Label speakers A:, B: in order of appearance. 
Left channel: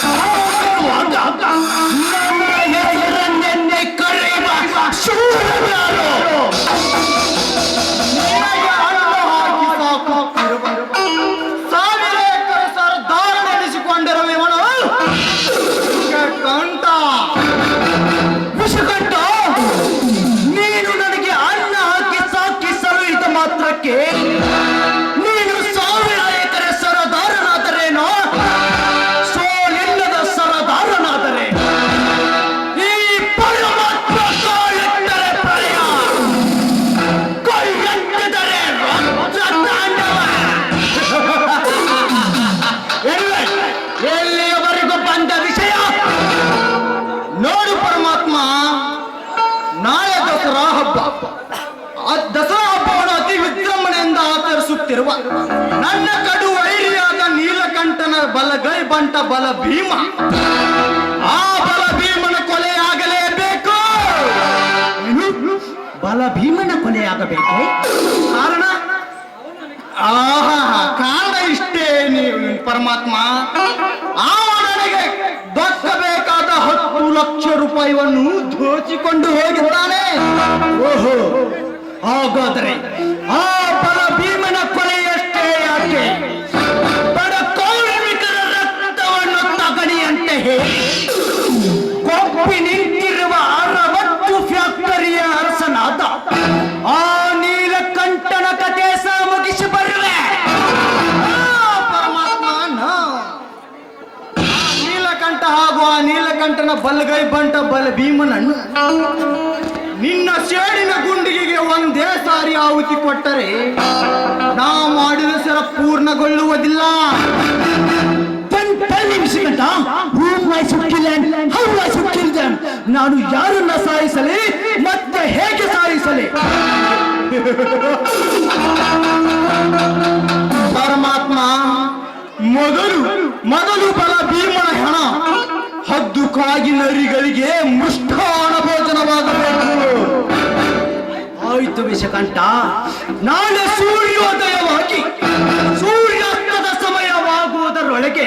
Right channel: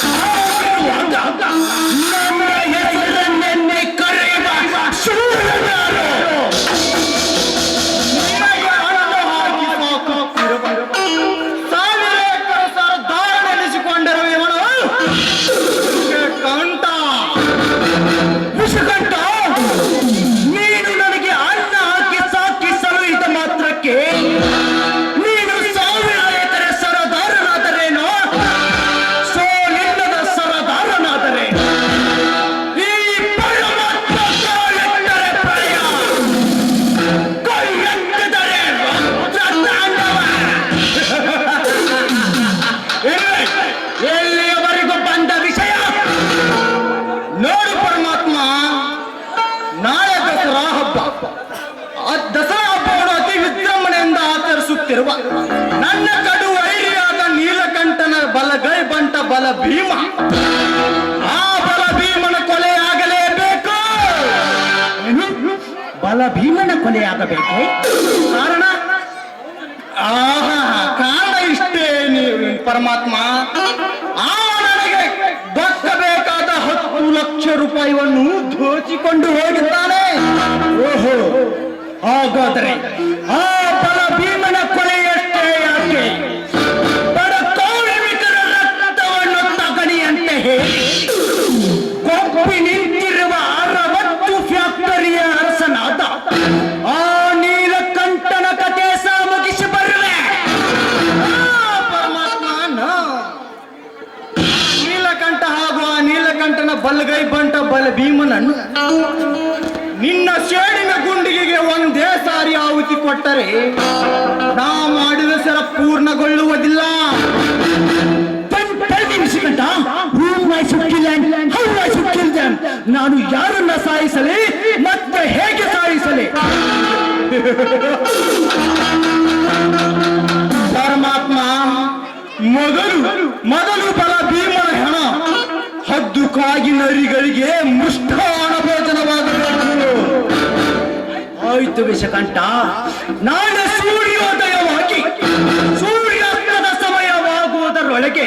A: Oh! ಆಚರಿಸುತ್ತಿರುವ ನನ್ನ ಕಡು ವೈರಿಯಾದ ನೀಲಕಂಠನ ಬಲಗೈ ಬಂಟ ಬಲ ಭೀಮ. ಆ ಬಲ ಭೀಮನ ಕೊಲೆ ಆಗಲೇಬೇಕು. ಬಲ ಭೀಮನ ಕೊಲೆಯಾಗಬೇಕೆ ಕಾರಣ? ಆಹಾ, ಕಾರಣ ಇಷ್ಟೇ ನೀವು ಪರಮಾತ್ಮ. ಆ ನನಗೆ ಹತ್ತು ಲಕ್ಷ ರೂಪಾಯಿಯನ್ನು ದೋಚಿಕೊಂಡು ಹೋಗಿದ್ದಾನೆ. ಓಹೋ, ಹಾಗಾದರೆ ಆ ಬಲಗೈ ಬಂಟ ಬಲ ಭೀಮನನ್ನು ನಿನ್ನ ಸೇಡಿನ ಗುಂಡಿಗೆಗೆ ಒಂದೇ ಸಾರಿ ಆಹುತಿ ಕೊಟ್ಟರೆ ನಾ ಮಾಡಿದ ಸರ ಪೂರ್ಣಗೊಳ್ಳುವುದಿಲ್ಲ. ನಾನು ಯಾರನ್ನ ಸಾಯಿಸಲಿ, ಮತ್ತೆ ಹೇಗೆ ಸಾಯಿಸಲಿ? ಹದ್ದು ಕಾಗಿನರಿಗಳಿಗೆ ಮೃಷ್ಟಾನ ಭೋಜನವಾಗಬೇಕು. ಆಯ್ತು ವಿಷಕಂಠ ನಾಳೆ ಸೂರ್ಯೋದಯವಾಗಿ ಸೂರ್ಯಾಸ್ತದ ಸಮಯವಾಗುವುದರೊಳಗೆ